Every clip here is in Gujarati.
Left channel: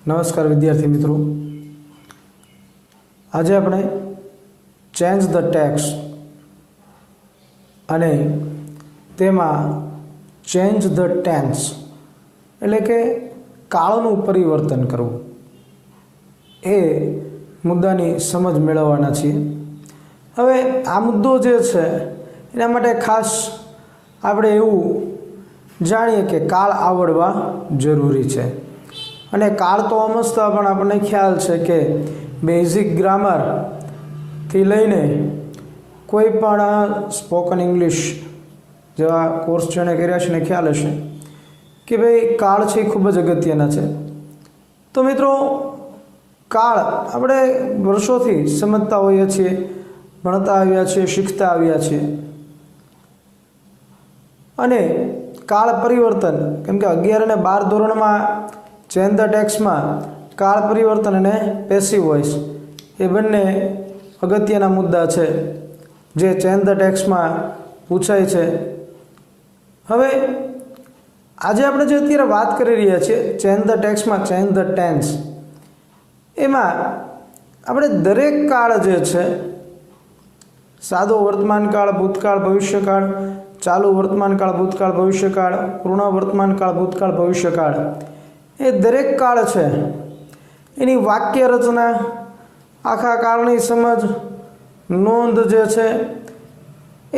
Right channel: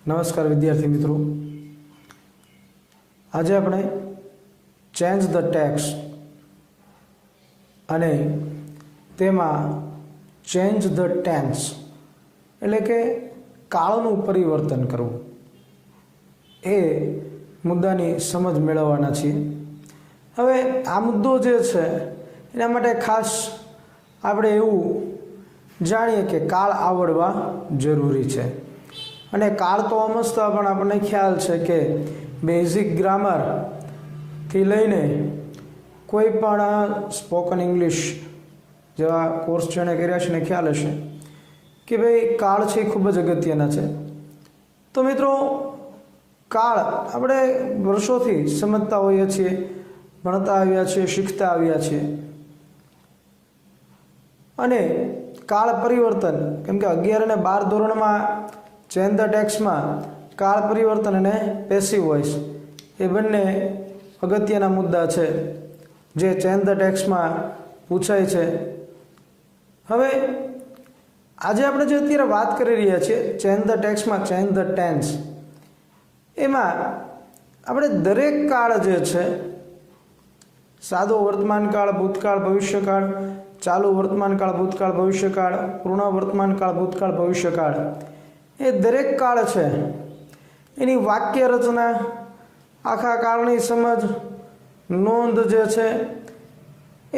नमस्कार विद्यार्थी मित्रों, आज આપણે ચેન્જ ધ ટેક્સ અને તેમાં ચેન્જ ધ ટેન્સ એટલે કે કાળનું પરિવર્તન કરવું એ મુદ્દાની સમજ મેળવવાના છીએ। હવે આ મુદ્દો જે છે એના માટે ખાસ આપણે એવું જાણીએ કે કાળ આવડવા જરૂરી છે। અને કાળ તો સમજતા પણ આપણને ખ્યાલ છે કે બેઝિક ગ્રામરથી લઈને કોઈ પણ સ્પોકન ઇંગ્લિશ જેવા કોર્સ જેણે કર્યા છે એને ખ્યાલ હશે કે ભાઈ કાળ છે એ ખૂબ જ અગત્યના છે। તો મિત્રો, કાળ આપણે વર્ષોથી સમજતા હોઈએ છીએ, ભણતા આવ્યા છીએ, શીખતા આવ્યા છીએ। અને કાળ પરિવર્તન, કેમ કે 11 અને 12 ધોરણમાં ચેન્જ ધ ટેક્સમાં કાળ પરિવર્તન અને પેસિવ વોઇસ એ બંને અગત્યના મુદ્દા છે જે ચેન્જ ધ ટેક્સમાં પૂછાય છે। હવે આજે આપણે જે અત્યારે વાત કરી રહ્યા છીએ ચેન્જ ધ ટેક્સમાં ચેન્જ ધ ટેન્સ, એમાં આપણે દરેક કાળ જે છે, સાદો વર્તમાનકાળ, ભૂતકાળ, ભવિષ્યકાળ, ચાલુ વર્તમાનકાળ, ભૂતકાળ, ભવિષ્યકાળ, પૂર્ણ વર્તમાનકાળ, ભૂતકાળ, ભવિષ્યકાળ, એ દરેક કાળ છે એની વાક્ય રચના, આખા કાળની સમજ, નોંધ જે છે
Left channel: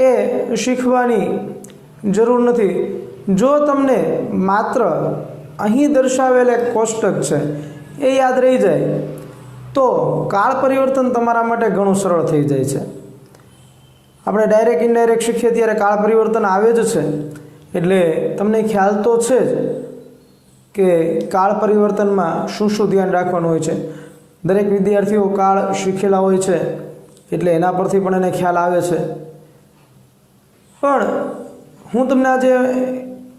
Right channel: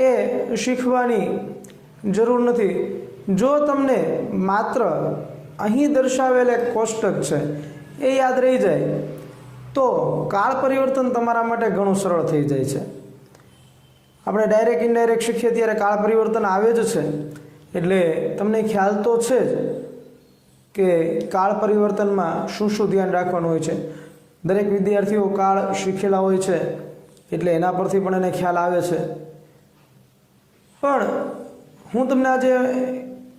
એ શીખવાની જરૂર નથી। જો તમને માત્ર અહીં દર્શાવેલ એક કોષ્ટક છે એ યાદ રહી જાય તો કાળ પરિવર્તન તમારા માટે ઘણું સરળ થઈ જાય છે। આપણે ડાયરેક્ટ ઇનડાયરેક્ટ શીખીએ ત્યારે કાળ પરિવર્તન આવે જ છે, એટલે તમને ખ્યાલ તો છે જ કે કાળ પરિવર્તનમાં શું શું ધ્યાન રાખવાનું હોય છે। દરેક વિદ્યાર્થીઓ કાળ શીખેલા હોય છે એટલે એના પરથી પણ એને ખ્યાલ આવે છે। પણ હું તમને આજે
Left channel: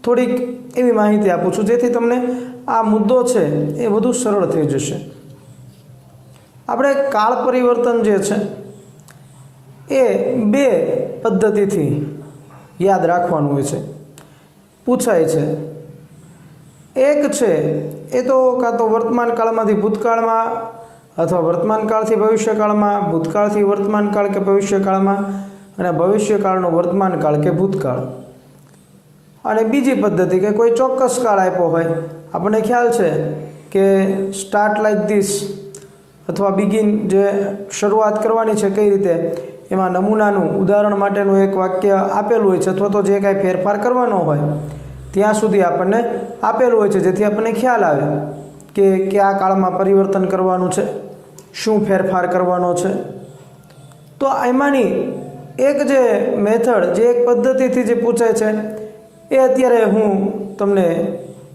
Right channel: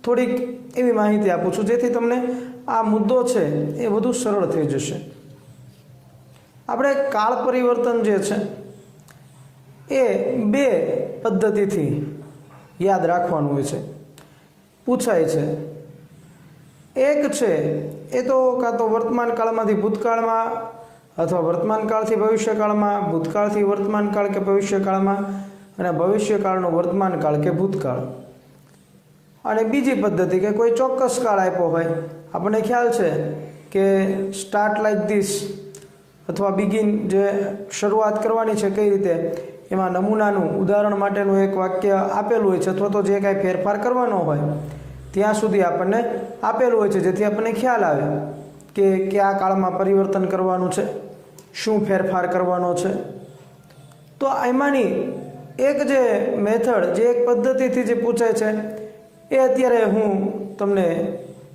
થોડીક એવી માહિતી આપું છું જેથી તમને આ મુદ્દો છે એ વધુ સરળ થઈ જશે। આપણે કાળ પરિવર્તન જે છે એ બે પદ્ધતિથી યાદ રાખવાનું હોય છે, પૂછાય છે। એક છે એ તો કાં તો વર્તમાન કાળમાંથી ભૂતકાળમાં અથવા વર્તમાન કાળથી ભવિષ્યકાળમાં, ભૂતકાળથી વર્તમાન કાળ કે ભવિષ્યકાળમાં, અને ભવિષ્યકાળનો વર્તમાન કાળ કે ભૂતકાળ। અને બીજી પદ્ધતિ કે કોઈ ચોક્કસ કાળ આપ્યો હોય, આપણને ખ્યાલ છે કે સ્ટાર્ટ લાઈક ધીસ અથવા બિગિન જે શરૂઆત કરવાની છે કઈ રીતે, એમાં નમૂનાનું ઉદાહરણ માટેનું એક વાક્ય આપેલું હોય છે અથવા તો જે કાંઈ ફેરફાર કરવાનો હોય ત્યાં સુધી આપણને આપેલું હોય છે, જેથી આપણને ખ્યાલ આવે કે કયા કાળમાં પરિવર્તન કરવાનું છે, શું ફેરફાર કરવાનો છે। તો એમાંની એક જે મેથડ, જે એક પદ્ધતિથી જે પૂછાય છે એ અત્યારે હું તમને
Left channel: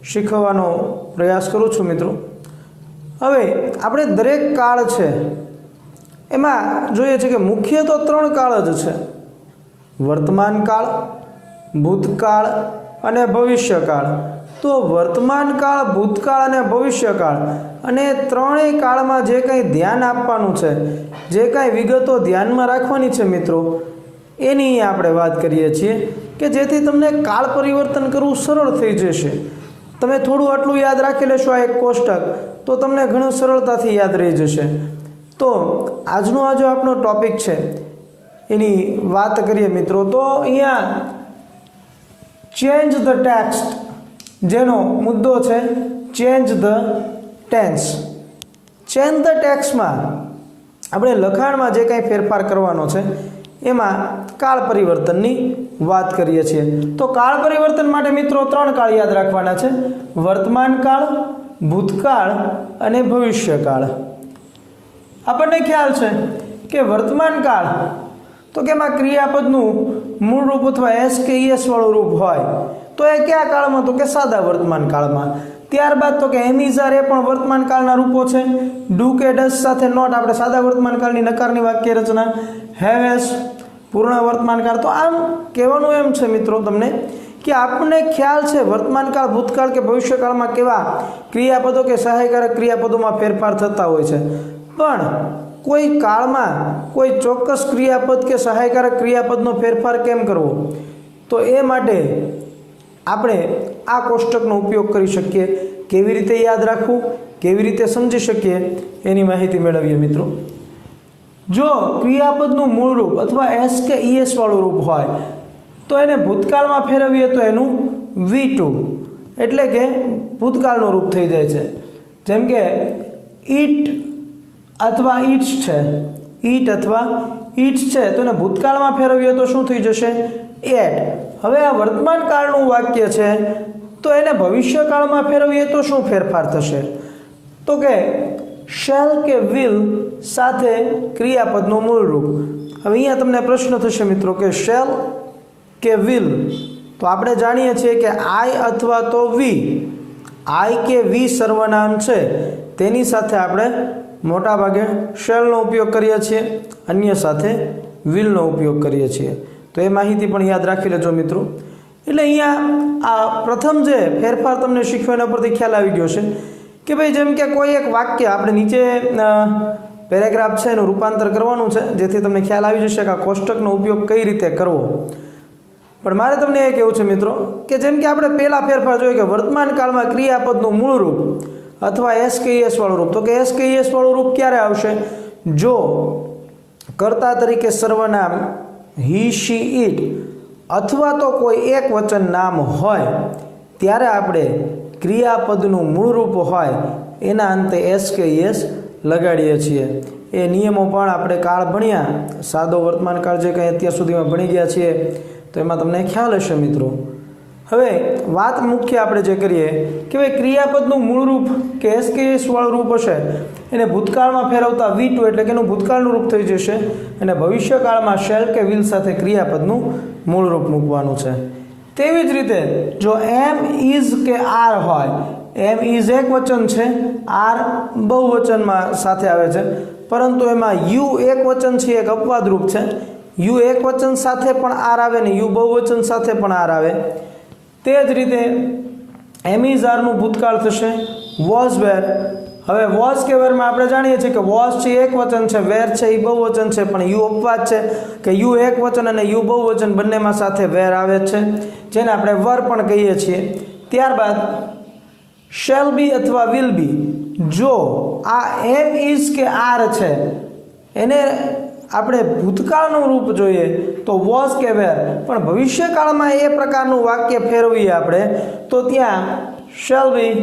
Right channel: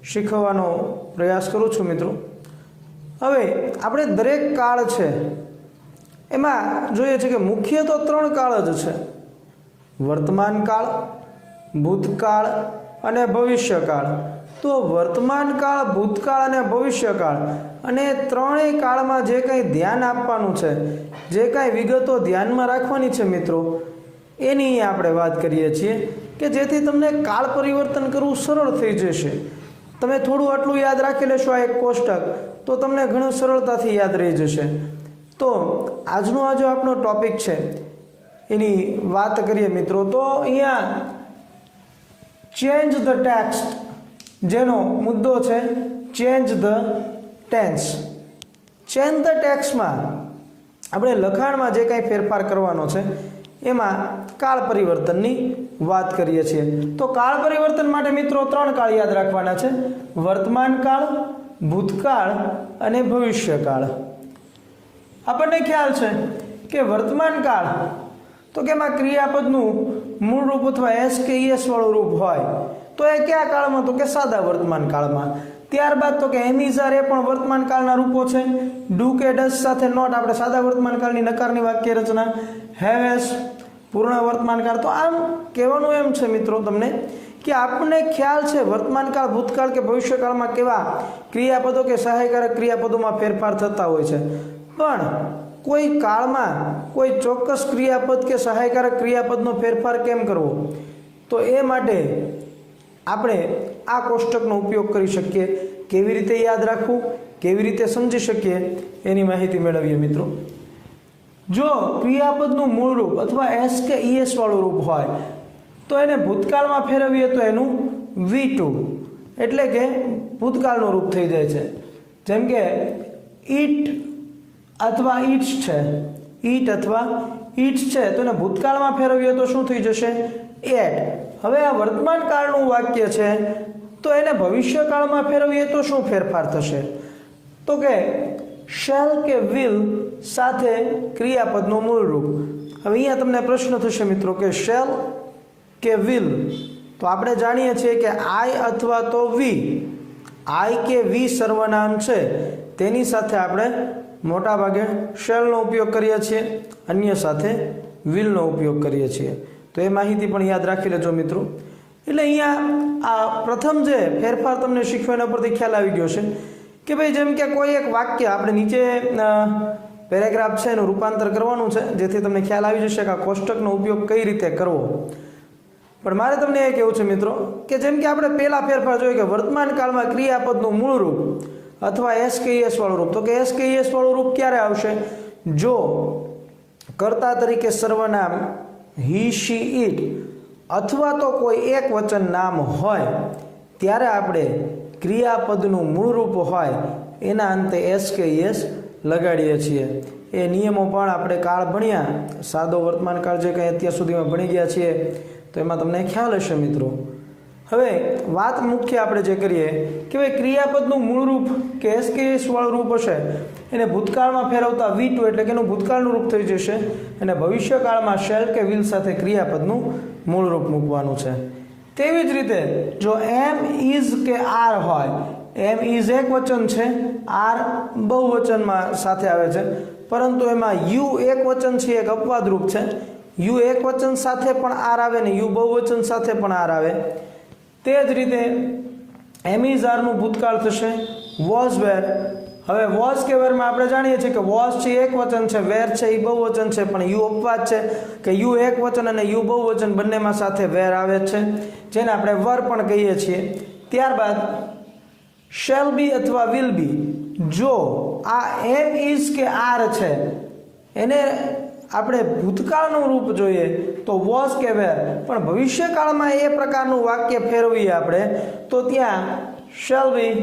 શીખવવાનો પ્રયાસ કરું છું મિત્રો। હવે આપણે દરેક કાળ છે એમાં જોઈએ છે કે મુખ્ય તો 3 કાળ જ છે, વર્તમાન કાળ, ભૂતકાળ અને ભવિષ્યકાળ। તો વર્તમાન કાળ, ભૂતકાળ અને ભવિષ્યકાળ, અને ત્રણેય કાળમાં જે કંઈ ધ્યાન આપવાનું છે, જે કાંઈ વિગતો ધ્યાનમાં રાખવાની છે મિત્રો, એની આપણે વાત કરીએ છીએ કે જેથી તમને કાળ પરિવર્તન કરવું સરળ થઈ જશે। તમે થોડું આટલું યાદ રાખી લેશો આ એક કોષ્ટક તો તમને ઘણું સરળતાથી યાદ રહી જશે। તો આજનો આ જો આપણો ટોપિક છે એની વાત કરીએ મિત્રો, તો અહીંયા ચેન્જ ધ ટેક્સ્ટ જેનો મુદ્દો છે change the tense. Change the ટેક્સમાં આપણે લખાણમાં જે કાંઈ ફેરફાર કરવાનો છે એમાં કાળ પરિવર્તનની વાત કરીએ છીએ। તો કાળ પરિવર્તન માટે મિત્રો 3 કાળ યાદ રાખવાના છે, વર્તમાન કાળ, ભૂતકાળ અને ભવિષ્યકાળ। આપણને ખ્યાલ છે કે વર્તમાન કાળ તો કે એમાં ક્રિયાપદનું મૂળ રૂપ અથવા એસ કે ઈએસ વાળું રૂપ હોય, તો એ કયા કાળમાં, તો કે સાદા વર્તમાન કાળમાં। ત્યારબાદ તો કે એમ ઇઝ આર એ પણ વર્તમાન કાળના રૂપો છે, ડુ કે ડઝ સાથે નોટ આપણે સાદા વર્તમાન કાળની નકારની વાક્ય રચના, હેવ એસ પૂર્ણ વર્તમાન કાળ। તો આમ કહેવાનું એમ છે મિત્રો તમને કે આપણને ખ્યાલ છે વર્તમાન કાળ, ભૂતકાળ કે ભવિષ્યકાળમાં કેવા ક્રિયાપદો કે સહાયકારક ક્રિયાપદોમાં ફેરફાર થતા હોય છે, પણ કોઈ કાળમાં કોઈ ચોક્કસ ક્રિયાપદ કે સહાયકારક ક્રિયાપદનો ફેરફાર કેમ કરવો, તો એ માટે આપણે આ કોષ્ટકનો ઉપયોગ કરી શકીએ। કેવી રીતે યાદ રાખવું કેવી રીતે સમજી શકીએ એની માહિતી મેળવીએ મિત્રો. જો ક્રિયાપદનું મૂળ રૂપ અથવા એસ કે ઈએસ વાળું રૂપ હોય તો એને ભૂતકાળમાં ફેરવીએ તો એનું V2 એટલે કે ભૂતકાળનું રૂપ થઈ જાય છે. જેમ કે ઈટ અથવા ઈટ્સ છે, ઈટ અથવા ઈટ્સ છે તો એને ભૂતકાળમાં ફેરવીએ તો શું થઈ જશે? એટ. હવે આ વર્તમાન કાળનું વાક્ય છે તો એને ભવિષ્યકાળમાં ફેરવીએ તો શું ફેરફાર થશે? તો કે શેલ કે વિલ સાથે ક્રિયાપદનું મૂળ રૂપ. હવે અહીંયા તમને પ્રશ્ન થશે મિત્રો કે શેલ કે વિલ, તો આપણે જાણીએ છીએ કે આઈ અથવા તો વી, આઈ કે વી સર્વનામ છે તેની સાથે આપણે મોટા ભાગે શેલનો ઉપયોગ કરીએ છીએ, અન્ય સાથે વિલનો ઉપયોગ કરીએ છીએ. તો એ માહિતી પણ યાદ રાખી લેજો મિત્રો. એટલે અહીંયા આ પ્રથમ જે ફેરફાર તમને શીખવાના પરથી ખ્યાલ આવી ગયો છે કે ભાઈ જેમ કે કોઈ એક વાક્ય આપણે નીચે પેરેગ્રાફ છે એનું રૂપાંતર કરવાનું છે જેથી તમને ખ્યાલ આવી જશે કે આ કોષ્ટકનો ઉપયોગ કઈ રીતે કરવો. પણ મારે તમને એ કહેવું છે મિત્રો કે જેમ કે આપણે પહેલા ફેરફાર જોઈએ કે વર્તમાન કાળમાં ક્રિયાપદનું મૂળ રૂપ અથવા એસ કે ઈએસ વાળું રૂપ. તો કે એસ કે ઈએસ વાળું રૂપ ક્યારે આવશે? જો કર્તા તરીકે સર્વનામ હી શી ઈટ અથવા તો કોઈ એક વચન નામ હોય ત્યારે આપણે ક્રિયાપદનું મૂળ રૂપ હોય એના અંતે એસ કે ઈએસ લગાડીએ છીએ. એ નિયમો પણ આપણે કાળ ભણ્યા, સાદો વર્તમાન કાળ જે કંઈ અત્યાર સુધીમાં ભણી ગયા છીએ તો એમાં તમને ખ્યાલ હશે મિત્રો. હવે વાત મુખ્ય આપણે જે કરીએ કે ભાઈ ક્રિયાપદનું મૂળ રૂપ કે એસ કે ઈએસ વાળું રૂપ હશે એને ભૂતકાળમાં ફેરવતા V2 એટલે કે એનું ભૂતકાળનું રૂપ થઈ જશે અને ભવિષ્યકાળમાં શેલ કે વિલ સાથે ક્રિયાપદનું મૂળ રૂપ મૂકવાનું છે. તેવી જ રીતે જો એમ ઇઝ કે આર હોય, એમ ઇઝ એક વચન છે, આર બહુવચનમાં સાથે આવે છે, પરંતુ એમાં યુ એક વચન છે, એક અપવાદ રૂપ છે. યુ એક વચન સાથે પણ આર આવે ને યુ બહુવચન સાથે પણ આર આવે. તે જ રીતે એમ ઇઝ આરનું ભૂતકાળ થશે વોઝ વેર. હવે વોઝ કે વેરમાં આપણે જાણીએ છીએ કે વોઝ છે એક વચન છે, વેર છે એ બહુવચન છે, પણ યુ અપવાદ છે કે યુ એક વચન અને યુ બહુવચન બંનેમાં સાથે વેર આવે છે જેને આપણે વર પણ કહીએ છીએ. ત્યારબાદ શેલ બી અથવા વિલ બી. જો આ એમ ઇઝ કે આર છે એને આપણે ભૂતકાળનું રૂપ જોઈએ તો વોઝ કે વેર, પણ ભવિષ્યકાળમાં એ પ્રકારનું વાક્ય ફેરવીએ આપણે તો ત્યાં શેલ બી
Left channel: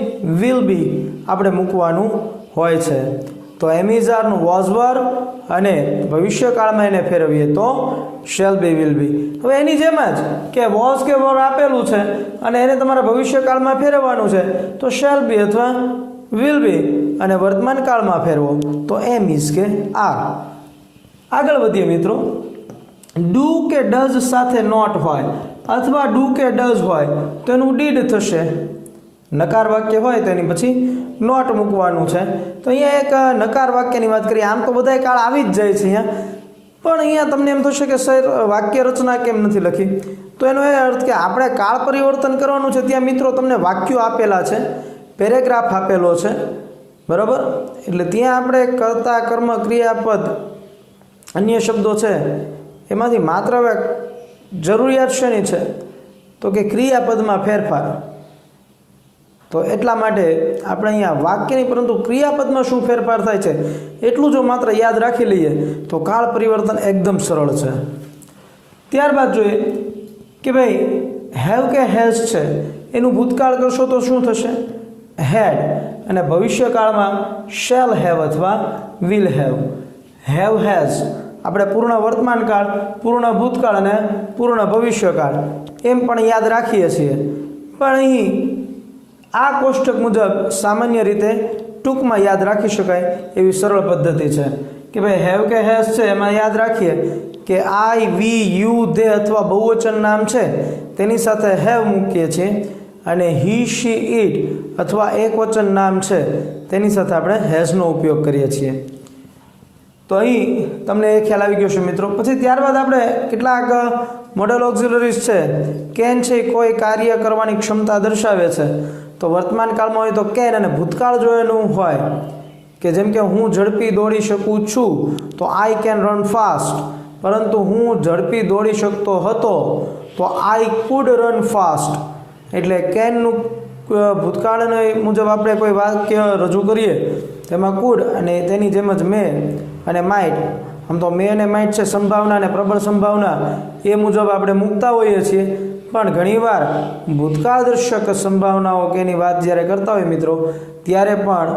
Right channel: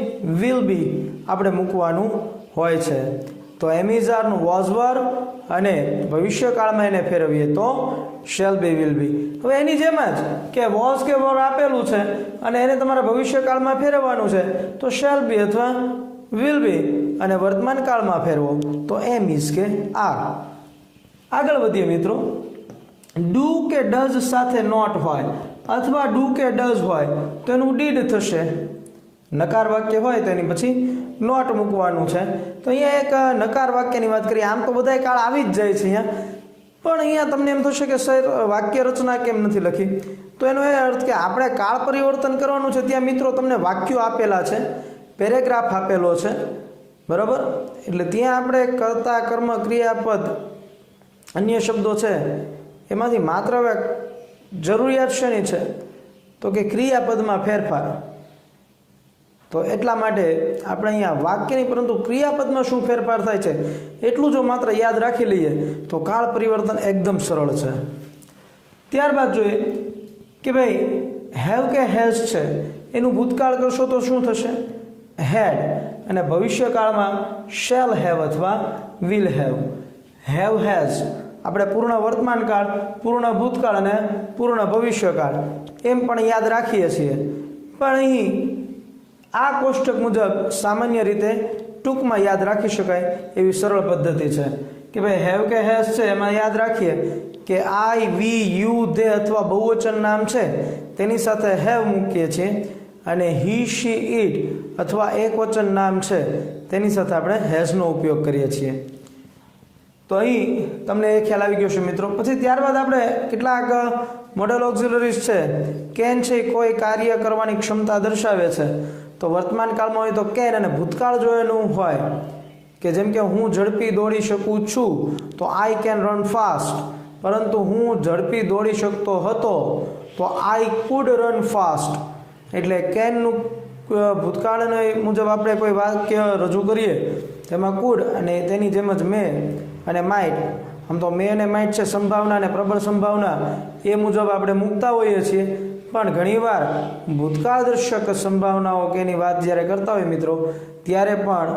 વિલ બી આપણે મૂકવાનું હોય છે. તો એમ ઇઝ આરનું વોઝ વર અને ભવિષ્યકાળમાં એને ફેરવીએ તો શેલ બી વિલ બી. હવે એની જેમ જ કે વોઝ કે વર આપેલું છે અને એને તમારા ભવિષ્યકાળમાં ફેરવવાનું છે તો શેલ બી અથવા વિલ બી, અને વર્તમાન કાળમાં ફેરવો તો એમ ઇઝ કે આર. આગળ વધીએ મિત્રો. ડુ કે ડઝ સાથે નોટ હોય અથવા ડુ કે ડઝ હોય તો એનું ડીડ થશે. નકાર વાક્ય હોય તો એની પછી નોટ મૂકવાનું છે. તો અહીંયા એક નકાર વાક્યની વાત કરીએ. આમ તો બધાય કાળ આવી જ જાય છે અહીંયા, પણ અહીંયા તમને એમ થશે કે સર વાક્ય રચના કેમ નથી લખી? તો એનો એ અર્થ કે આપણે કાળ પરિવર્તન કરવાનું છે. ત્યાં મિત્રો તમને વાક્યો આપેલા છે, પેરેગ્રાફ આપેલો છે, બરાબર? એટલે ત્યાં આપણે કર્તા કર્મ ક્રિયાપદ અન્ય શબ્દો છે એમાંથી માત્ર હવે જરૂરિયાત શેની છે તો કે ક્રિયાપદમાં ફેરફાર. તો એટલા માટે આપણે અહીંયા વાક્યની પરંતુ ક્રિયાપદમાં શું ફેરફાર થાય છે એટલું જો માત્ર યાદ રાખી લઈએ તો કાળ પરિવર્તન એકદમ સરળ છે. ત્યારબાદ જોઈએ કે ભાઈ હેવ કે હેઝ છે એનું ભૂતકાળ કરશો તો શું થશે? હેડ. અને ભવિષ્યકાળમાં શેલ હેવ અથવા વિલ હેવ. હેવ હેઝ આપણે પૂર્ણ વર્તમાન કાળ, પૂર્ણ ભૂતકાળ અને પૂર્ણ ભવિષ્યકાળ એમ પણ યાદ રાખીએ છીએ. પણ અહીં આ કોષ્ટક મુજબ સામાન્ય રીતે ટૂંકમાં યાદ રાખી શકાય એવી સરળ પદ્ધતિ છે કે ભાઈ હેવ કે હેઝ છે એમાં યાદ રાખીએ કે આઈ, વી, યુ, દે અથવા બહુવચન નામ છે તેની સાથે હેવ મૂકીએ છીએ અને હી, શી, ઈટ અથવા એક વચન નામ છે તેની સાથે આપણે હેઝનો ઉપયોગ કરીએ છીએ. તો અહીં તમને એ ખ્યાલ આવી ગયો છે મિત્રો. પછી ત્યારબાદ આપણે કેટલાક મોડલ ઓક્ઝિલરીઝ છે. કેન છે કોઈ કાર્ય કરવાની ક્ષમતા દર્શાવે છે તો વર્તમાન કાળમાં હોય તો કેન, અને ભૂતકાળ જો એનું હોય કે જેમ કે હું ઝડપી દોડી શકું છું તો આઈ કેન રન ફાસ્ટ, પરંતુ હું ઝડપી દોડી શકતો હતો તો આઈ કુડ રન ફાસ્ટ. એટલે કેનનું ભૂતકાળને મુજબ આપણે કોઈ વાક્ય રજૂ કરીએ તેમાં કુડ અને તેની જેમ જ મે અને માઇટ, આમ તો મે અને માઇટ છે સંભાવના અને પ્રબળ સંભાવના એ મુજબ આપણે મૂકતા હોઈએ છીએ, પણ ઘણીવાર ભૂતકાળદર્શક સંભાવનાઓ કે એની વાત જ્યારે કરતા હોય મિત્રો ત્યારે પણ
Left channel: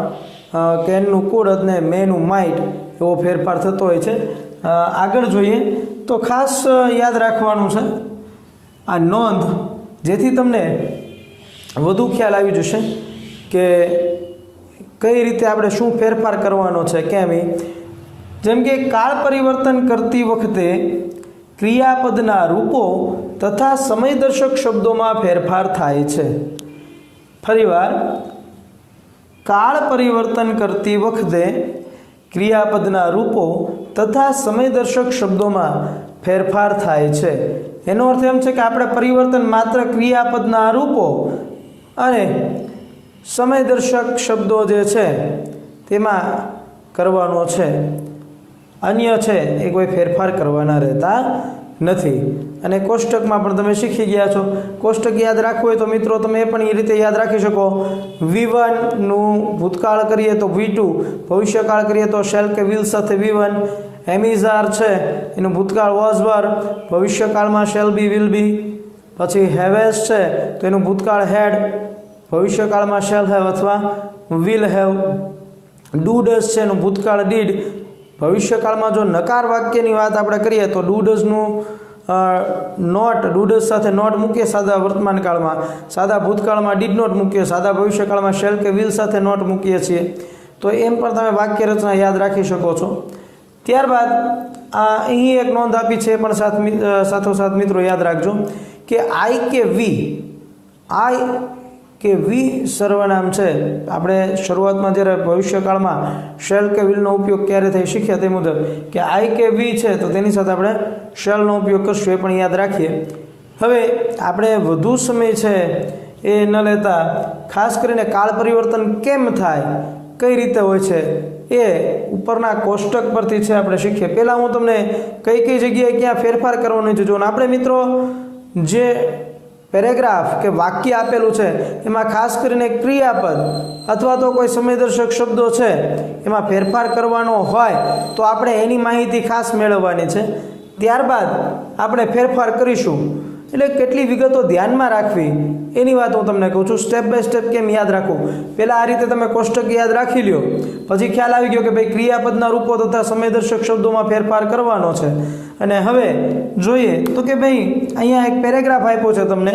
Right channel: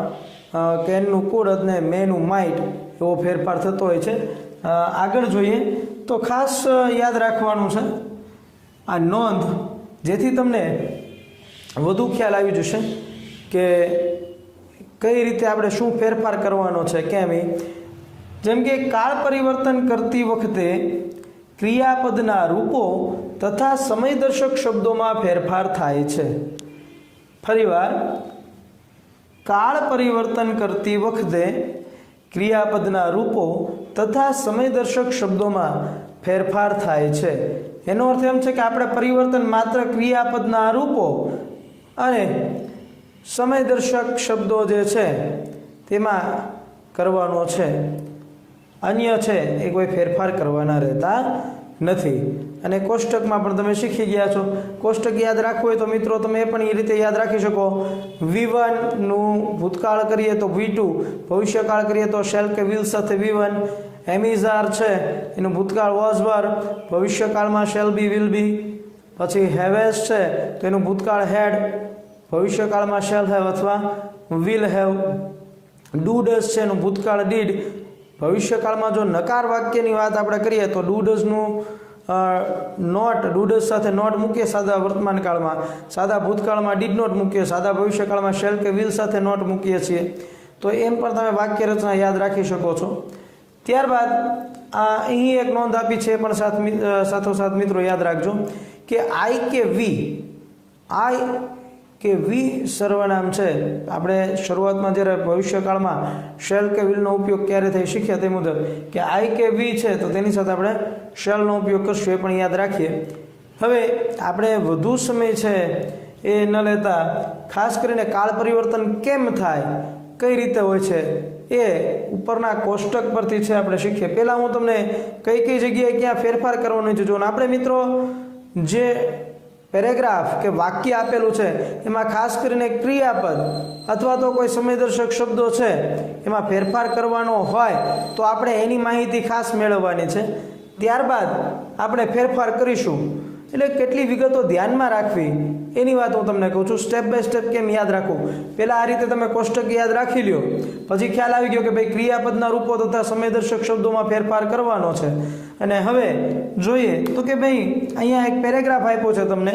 કેનનું કુડ અને મેનું માઇટ એવો ફેરફાર થતો હોય છે. આગળ જોઈએ તો ખાસ યાદ રાખવાનું છે આ નોંધ, જેથી તમને વધુ ખ્યાલ આવી જશે કે કઈ રીતે આપણે શું ફેરફાર કરવાનો છે કેમ. જેમ કે કાળ પરિવર્તન કરતી વખતે ક્રિયાપદના રૂપો તથા સમયદર્શક શબ્દોમાં ફેરફાર થાય છે. ફરીવાર, કાળ પરિવર્તન કરતી વખતે ક્રિયાપદના રૂપો તથા સમયદર્શક શબ્દોમાં ફેરફાર થાય છે. એનો અર્થ એમ છે કે આપણે પરિવર્તન માત્ર ક્રિયાપદના રૂપો અને સમયદર્શક શબ્દો જે છે તેમાં કરવાનો છે, અન્ય છે એ કોઈ ફેરફાર કરવાના રહેતા નથી. અને કોષ્ટકમાં પણ તમે શીખી ગયા છો. કોષ્ટક યાદ રાખવું હોય તો મિત્રો તમે પણ એ રીતે યાદ રાખી શકો. V1 નું ભૂતકાળ કરીએ તો V2, ભવિષ્યકાળ કરીએ તો શેલ કે વિલ સાથે V1. એમિઝાર છે એનું ભૂતકાળ વોઝ વર, ભવિષ્યકાળમાં શેલ બી વિલ બી. પછી હેવેસ છે તો એનું ભૂતકાળ હેડ, ભવિષ્યકાળમાં શેલ હેવ અથવા વિલ હેવ. ડુ ડઝ છે એનું ભૂતકાળ ડીડ, ભવિષ્યકાળમાં જો નકાર વાક્યની વાત આપણે કરીએ તો ડુ ડઝનું નોટ, ડુ ડઝ સાથે નોટ મૂકીએ સાદા વર્તમાન કાળમાં, સાદા ભૂતકાળમાં ડીડ નોટ મૂકીએ, સાદા ભવિષ્યકાળમાં શેલ કે વિલ સાથે નોટ મૂકીએ છીએ. તો એમ પણ તમે વાક્ય રચના યાદ રાખી શકો છો. ત્યારબાદ અહીં એક નોંધ આપી છે પણ સાથોસાથ મિત્રો યાદ રાખજો કે આઈ કે વી સર્વનામ છે. આપણે શરૂઆતમાં જ્યારે ભવિષ્યકાળમાં શેલ કે વિલનો ઉપયોગ ક્યારે થઈ શીખ્યા તે મુજબ કે આઈ કે વી છે તો તેની સાથે આપણે શેલનો ઉપયોગ કરશું, એ પણ યાદ રાખીએ. હવે આપણે વધુ સમય છે એ ન લેતા ખાસ કરીને કાળ પરિવર્તન કેમ થાય, કઈ રીતે હોય છે એ ઉપરના કોષ્ટક પરથી છે આપણે શીખીએ. પહેલાં હું તમને કઈ જગ્યાએ ક્યાં ફેરફાર કરવાનો છે જો આપણે મિત્રો જે પેરેગ્રાફ કે વાક્ય આપેલું છે એમાં ખાસ કરીને ક્રિયાપદ અથવા તો કોઈ સમયદર્શક શબ્દો છે એમાં ફેરફાર કરવાનો હોય તો આપણે એની માહિતી ખાસ મેળવવાની છે. ત્યારબાદ આપણે ફેરફાર કરીશું. એટલે કેટલી વિગતો ધ્યાનમાં રાખવી એની વાત હું તમને કહું છું. સ્ટેપ બાય સ્ટેપ કેમ યાદ રાખવું. પહેલાં આ રીતે તમે કોષ્ટક યાદ રાખી લ્યો, પછી ખ્યાલ આવી ગયો કે ભાઈ ક્રિયાપદના રૂપો તથા સમયદર્શક શબ્દોમાં ફેરફાર કરવાનો છે. અને હવે જોઈએ તો કે ભાઈ અહીંયા એક પેરેગ્રાફ આપ્યો છે તમને,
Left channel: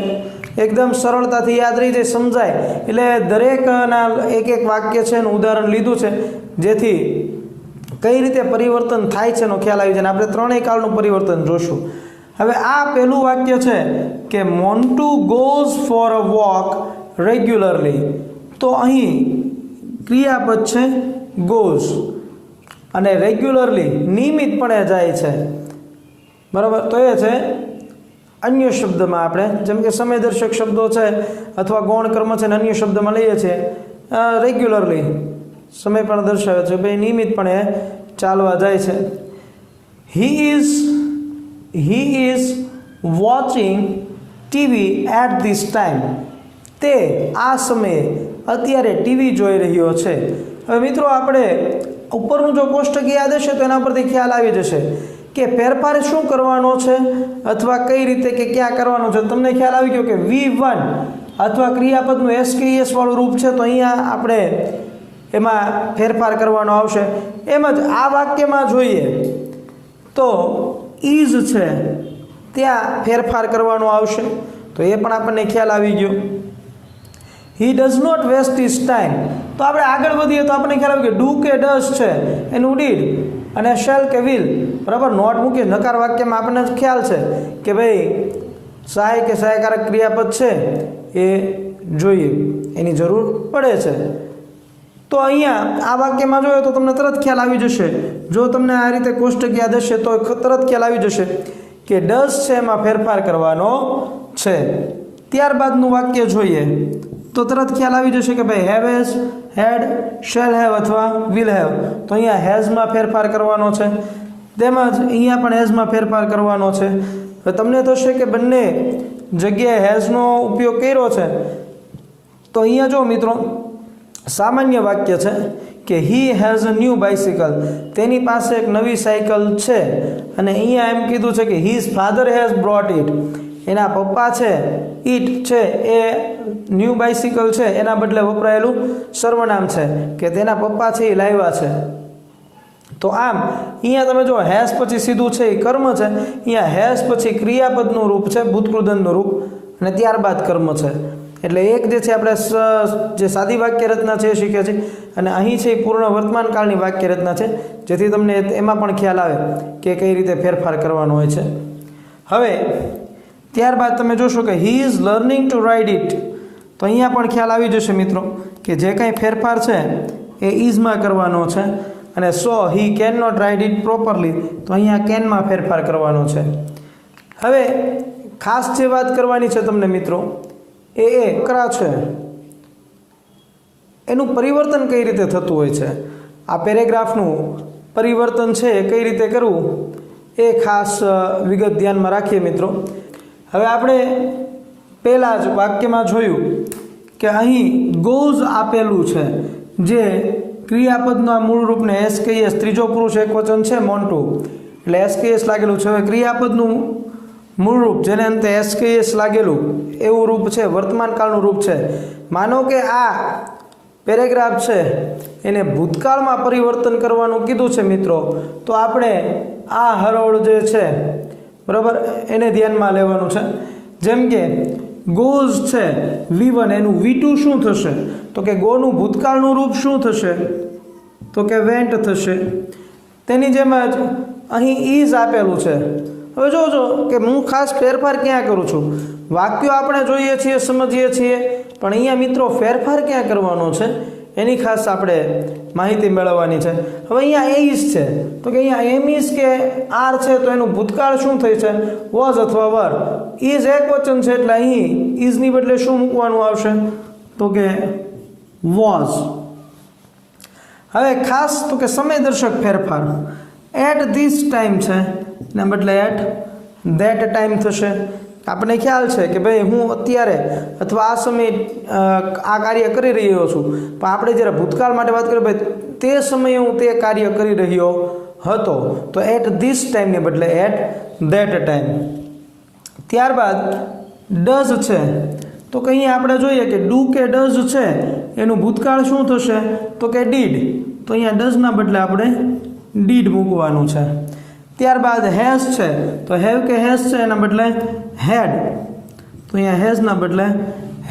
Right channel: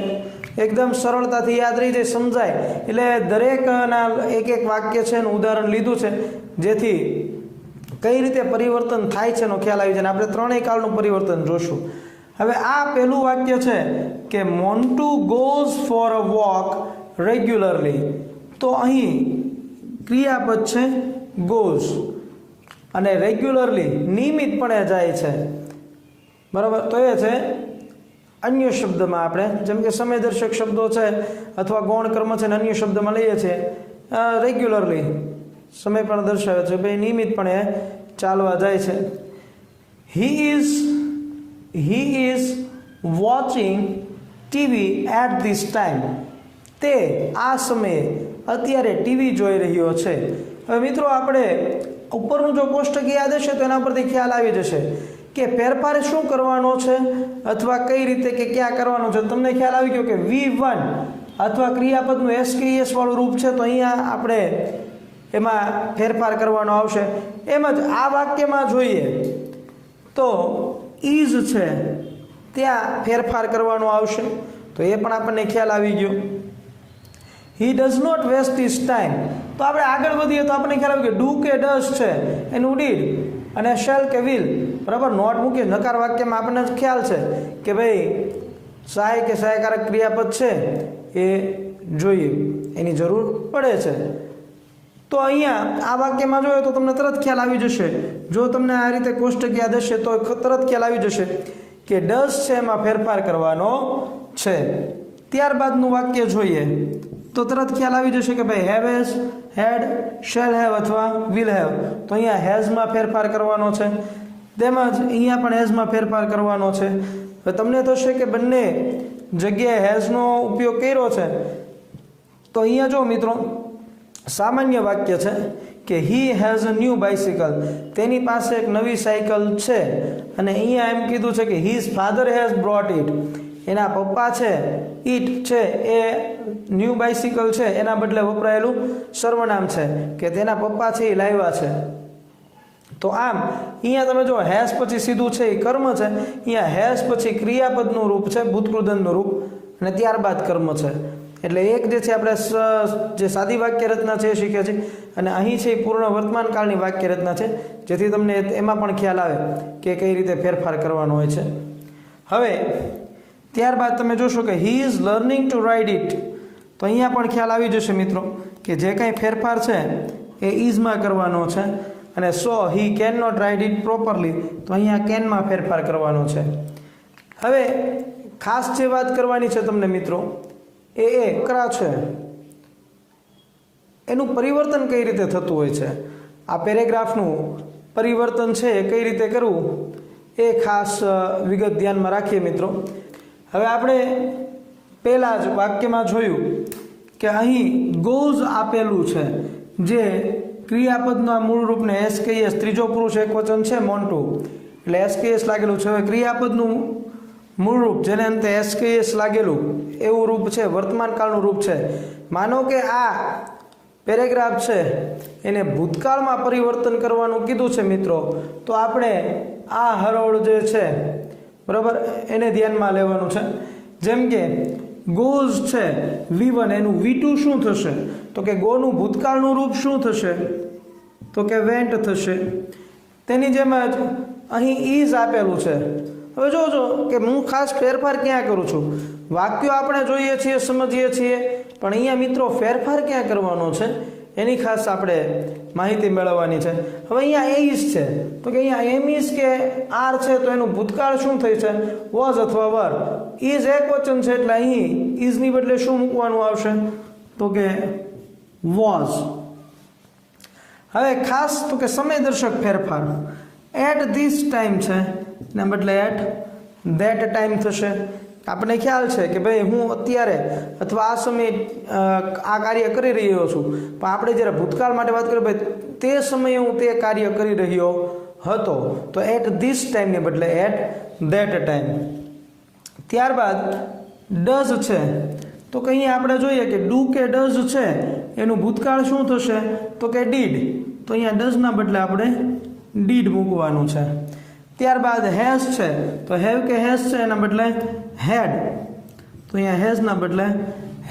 એકદમ સરળતાથી યાદ રહી જાય, સમજાય. એટલે દરેકના એક વાક્ય છે એનું ઉદાહરણ લીધું છે જેથી કઈ રીતે પરિવર્તન થાય છે એનો ખ્યાલ આવી જાય. આપણે ત્રણેય કાળનું પરિવર્તન જોશું. હવે આ પહેલું વાક્ય છે કે Montu goes for a walk regularly. તો અહીં ક્રિયાપદ છે ગોઝ અને રેગ્યુલરલી નિયમિતપણે જાય છે, બરાબર. તો એ છે અન્ય શબ્દમાં આપણે જેમ કે સમયદર્શક શબ્દો છે અથવા ગૌણ કર્મ છે ને અન્ય શબ્દમાં લઈએ છીએ રેગ્યુલરલી સમય પણ દર્શાવે છે ભાઈ નિયમિતપણે ચાલવા જાય છે. He is watching TV at this time. તે આ સમયે અત્યારે ટીવી જોઈ રહ્યો છે. હવે મિત્રો આપણે ઉપરનું જો કોષ્ટક યાદ હશે તો એના પરથી ખ્યાલ આવી જશે કે ફેરફાર શું કરવાનો છે અથવા કઈ રીતે કે ક્યાં કરવાનો છે. તમને ખ્યાલ આવી ગયો કે V1 અથવા ક્રિયાપદનું SKS વાળું રૂપ છે તો અહીંયા આપણે એમાં ફેરફાર કરવાનો આવશે. એમ જ આ વાક્યમાં જોઈએ તો ઇઝ છે ત્યાં ફેરફાર કરવાનો આવશે, તો એ પણ આપણને ખ્યાલ આવી ગયો. He does not waste his time. તો આપણે આગળ વધીએ તો આપણને ખ્યાલ આવે કે ડુ કે ડઝ છે એનું ડીડ અને શેલ કે વિલ, બરાબર. નોટ મૂકીએ નકાર વાક્યમાં આપણને ખ્યાલ છે કે ભાઈ સહાય કે સહાયકારક ક્રિયાપદ છે એ જોઈએ, એની જરૂર પડે છે. તો અહીંયા આ વાક્યમાં જોયો તો તમને તરત ખ્યાલ આવી જશે. જો તમને આ રીતે કોષ્ટક યાદ હશે તો તરત ખ્યાલ આવી જશે કે ડઝ છે એમાં ફેરફાર કરવાનો છે. ત્યારબાદનું વાક્ય જોઈએ તો તરત ખ્યાલ આવી જશે કે ભાઈ હેવેઝ, હેડ, શેલ હેવ અથવા વિલ હેવ. તો અહીંયા હેઝમાં ફેરફાર કરવાનો છે, તેમજ અહીંયા પણ હેઝમાં ફેરફાર કરવાનો છે. તો તમને થશે કે બંને જગ્યાએ હેઝનો ઉપયોગ કર્યો છે તો અહીંયા જો મિત્રો સામાન્ય વાક્ય છે કે he has a new bicycle, તેની પાસે એક નવી સાયકલ છે. અને અહીંયા એમ કીધું છે કે his father has brought it, એના પપ્પા છે ઇટ છે એ ન્યૂ બાઇસિકલ છે એના બદલે વપરાયેલું સર્વનામ છે કે તેના પપ્પા છે એ લાવ્યા છે. તો આમ અહીંયા તમે જો હેઝ પછી સીધું છે એ કર્મ છે, અહીંયા હેઝ પછી ક્રિયાપદનું રૂપ છે ભૂતકૃદનનું રૂપ અને ત્યારબાદ કર્મ છે. એટલે એક જે છે આપણે જે સાદી વાક્ય રચના છે એ શીખે છે અને અહીં છે એ પૂર્ણ વર્તમાન કાળની વાક્ય રચના છે, જેથી તમને એમાં પણ ખ્યાલ આવે કે કઈ રીતે ફેરફાર કરવાનો હોય છે. હવે ત્યારબાદ તમે જોશો કે he is learning to ride it, તો અહીંયા પણ ખ્યાલ આવી જશે મિત્રો કે જે કાંઈ ફેરફાર છે એ ઇઝમાં કરવાનો છે. અને so he can not ride it properly, તો અહીંયા કેનમાં ફેરફાર કરવાનો છે. હવે ખાસ જે વાત કરવાની છે તમને મિત્રો એ કરા છે એનું પરિવર્તન કઈ રીતે થતું હોય છે, આ પેરેગ્રાફનું પરિવર્તન છે એ કઈ રીતે કરવું એ ખાસ વિગત ધ્યાનમાં રાખીએ મિત્રો. હવે આપણે પહેલાં જ વાક્યમાં જોયું કે અહીં ગોઝ આપેલું છે, જે ક્રિયાપદના મૂળ રૂપને એસકેએસ, ત્રીજો પુરુષ એકવચન છે મોન્ટુ એટલે એસકેએસ લાગેલું છે. હવે ક્રિયાપદનું મૂળ રૂપ જેને અંતે એસકેએસ લાગેલું એવું રૂપ છે વર્તમાન કાળનું રૂપ છે. માનો કે આ પેરેગ્રાફ છે એને ભૂતકાળમાં પરિવર્તન કરવાનું કીધું છે મિત્રો, તો આપણે આ હરોળ જે છે બરાબર એને ધ્યાનમાં લેવાનું છે. જેમ કે ગોઝ છે V1 એનું V2 શું થશે, તો કે ગોનું ભૂતકાળનું રૂપ શું થશે, તો કે વેન્ટ થશે. તેની જેમ જ અહીં ઇઝ આપેલું છે. હવે જોજો કે હું ખાસ ફેરફાર ક્યાં કરું છું, વાક્યો આપણે જોઈએ છીએ સમજીએ છીએ પણ અહીંયા મિત્રો ફેરફાર ક્યાં કરવાનો છે એની ખાસ આપણે માહિતી મેળવવાની છે. હવે અહીંયા એ ઇઝ છે તો કે અહીંયા એમ ઇઝ કે આર છે તો એનું ભૂતકાળ શું થઈ છે વોઝ અથવા વર. ઇઝ એક વચન છે એટલે અહીં ઇઝની બદલે શું મૂકવાનું આવશે તો કે વોઝ. હવે ખાસ તો કે સમયદર્શક ફેરફાર એટ ધીસ ટાઈમ છે એના બદલે એટ ધેટ ટાઈમ થશે. આપણને ખ્યાલ છે કે ભાઈ હું અત્યારે અથવા આ સમયે આ કાર્ય કરી રહ્યો છું, પણ આપણે જ્યારે ભૂતકાળ માટે વાત કરીએ ભાઈ તે સમયે હું તે કાર્ય કરી રહ્યો હતો, તો એટ ધીસ ટાઈમને બદલે એટ ધેટ ટાઈમ. ત્યારબાદ ડઝ છે તો કે અહીંયા આપણે જોઈએ કે ડુ કે ડઝ છે એનું ભૂતકાળ શું થશે તો કે ડીડ, તો અહીંયા ડઝના બદલે આપણે ડીડ મૂકવાનું છે. ત્યારબાદ હેઝ છે તો હેવ કે હેઝ છે એના બદલે હેડ, તો અહીંયા હેઝના બદલે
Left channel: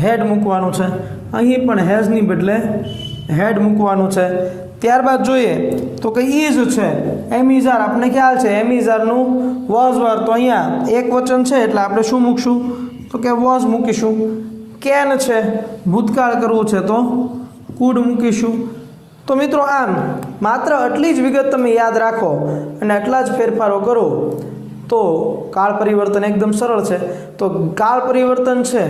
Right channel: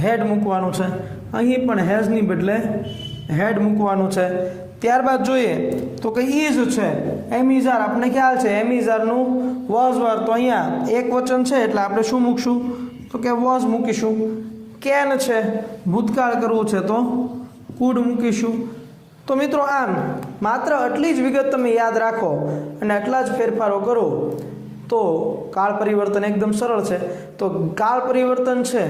હેડ મૂકવાનું છે. અહીં પણ હેઝની બદલે હેડ મૂકવાનું છે. ત્યારબાદ જોઈએ તો કે ઇઝ છે એમિઝાર, આપણને ખ્યાલ છે એમિઝારનું વોઝ વર, તો અહીંયા એક વચન છે એટલે આપણે શું મૂકશું તો કે વોઝ મૂકીશું. કેન છે ભૂતકાળ કરવું છે તો કુડ મૂકીશું. તો મિત્રો આમ માત્ર આટલી જ વિગત તમે યાદ રાખો અને આટલા જ ફેરફારો કરો તો કાળ પરિવર્તન એકદમ સરળ છે. તો કાળ પરિવર્તન છે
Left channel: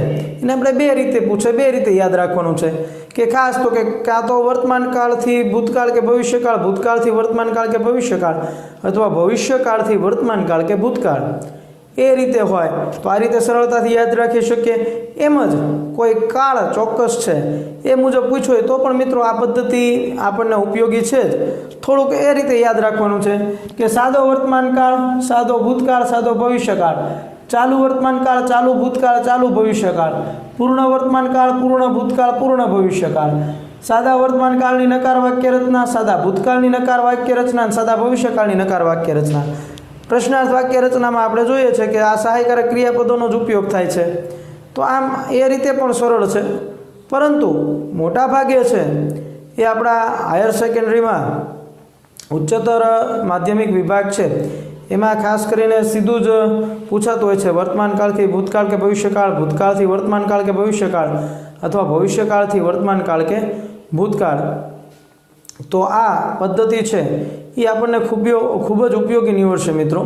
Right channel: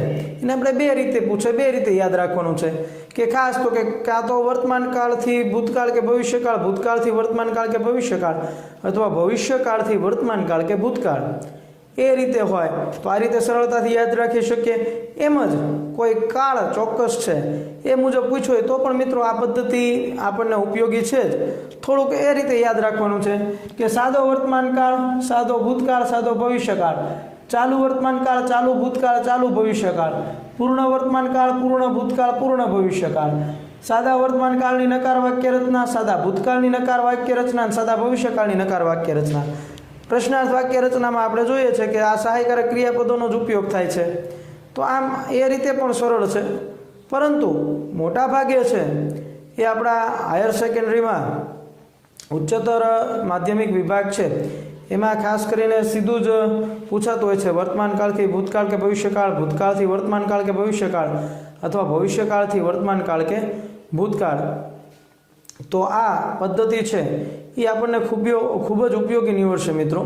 એને આપણે બે રીતે પૂછે, બે રીતે યાદ રાખવાનું છે કે ખાસ તો કે કાં તો વર્તમાન કાળથી ભૂતકાળ કે ભવિષ્યકાળ, ભૂતકાળથી વર્તમાન કાળ કે ભવિષ્યકાળ, અથવા ભવિષ્યકાળથી વર્તમાન કાળ કે ભૂતકાળ, એ રીતે હોય તો આ રીતે સરળતાથી યાદ રાખી શકીએ. એમ જ કોઈ કાળ ચોક્કસ છે એ મુજબ પૂછ્યો હોય તો પણ મિત્રો આ પદ્ધતિ આપણને ઉપયોગી છે જ. થોડુંક એ રીતે યાદ રાખવાનું છે કે સાદો વર્તમાન કાળ, સાદો ભૂતકાળ, સાદો ભવિષ્યકાળ, ચાલુ વર્તમાન કાળ, ચાલુ ભૂતકાળ, ચાલુ ભવિષ્યકાળ, પૂર્ણ વર્તમાન કાળ, પૂર્ણ ભૂતકાળ, પૂર્ણ ભવિષ્યકાળ, સાદા વર્તમાન કાળની નકાર વાક્ય રચના, સાદા ભૂતકાળની નકાર વાક્ય રચના, સાદા ભવિષ્યકાળની નકાર વાક્ય રચના. પ્રશ્નાર્થ વાક્ય રચનામાં આપણે જોઈએ છે કે આ સહાયકારક ક્રિયાપદોનો જ ઉપયોગ થાય છે. તો આમ એ રીતે પણ સરળ છે, પરંતુ મોટા ભાગે છે એ આપણા હાયર સેકન્ડરીમાં ઉચ્ચતર માધ્યમિક વિભાગ છે એમાં ખાસ કરીને સીધું જ પૂછાતું હોય છે વર્તમાન કાળથી ભૂતકાળ કે ભવિષ્યકાળ, ભૂતકાળથી વર્તમાન કાળ કે ભવિષ્યકાળ, અથવા ભવિષ્યકાળથી વર્તમાન કાળ કે ભૂતકાળ. તો આ પદ્ધતિ છે એ આપણને ખૂબ જ ઉપયોગી નીવડશે મિત્રો.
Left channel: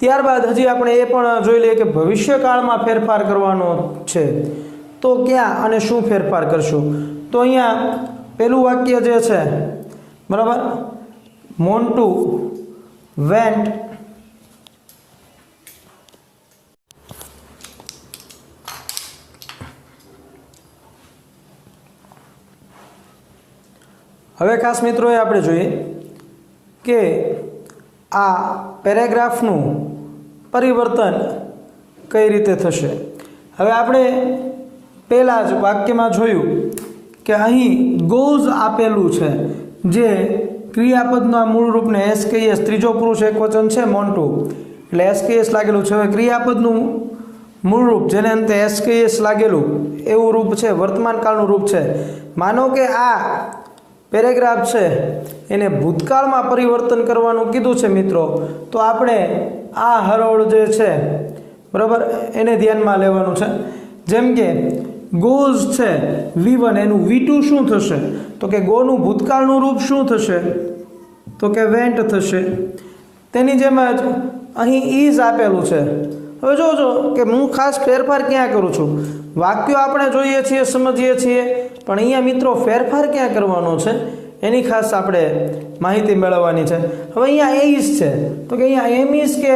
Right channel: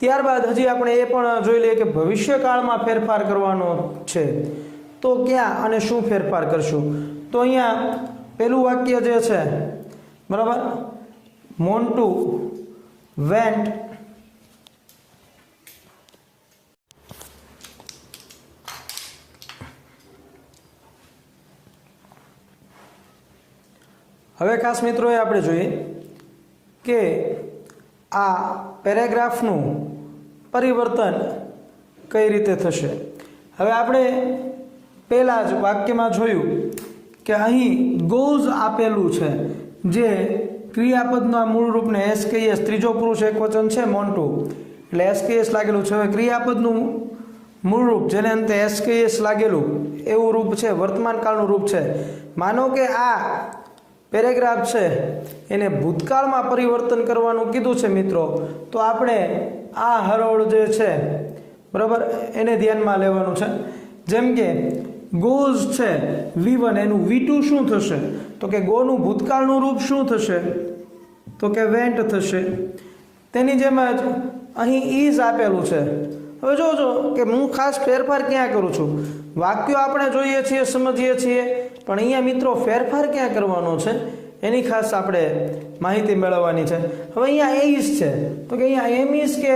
ત્યારબાદ હજી આપણે એ પણ જોઈ લઈએ કે ભવિષ્યકાળમાં ફેરફાર કરવાનો છે તો ક્યાં અને શું ફેરફાર કરશું. તો અહીંયા પહેલું વાક્ય જે છે બરાબર, મોન્ટુ વેન્ટ હવે ખાસ મિત્રો એ આપણે જોઈએ કે આ પેરેગ્રાફનું પરિવર્તન કઈ રીતે થશે. હવે આપણે પહેલાં જ વાક્યમાં જોયું કે અહીં ગોઝ આપેલું છે, જે ક્રિયાપદના મૂળ રૂપને એસકેએસ, ત્રીજો પુરુષ એકવચન છે મોન્ટુ એટલે એસકેએસ લાગેલું છે. હવે ક્રિયાપદનું મૂળ રૂપ જેને અંતે એસકેએસ લાગેલું એવું રૂપ છે, વર્તમાન કાળનું રૂપ છે. માનો કે આ પેરેગ્રાફ છે એને ભૂતકાળમાં પરિવર્તન કરવાનું કીધું છે મિત્રો, તો આપણે આ હરોળ જે છે બરાબર એને ધ્યાનમાં લેવાનું છે. જેમ કે ગોઝ છે V1, એનું V2 શું થશે? તો કે ગોનું ભૂતકાળનું રૂપ શું થશે? તો કે વેન્ટ થશે. તેની જેમ જ અહીં ઇઝ આપેલું છે. હવે જોજો કે હું ખાસ ફેરફાર ક્યાં કરું છું. વાક્યો આપણે જોઈએ છીએ, સમજીએ છીએ, પણ અહીંયા મિત્રો ફેરફાર ક્યાં કરવાનો છે એની ખાસ આપણે માહિતી મેળવવાની છે. હવે અહીંયા ઇઝ છે, તો કે અહીંયા એમ ઇઝ કે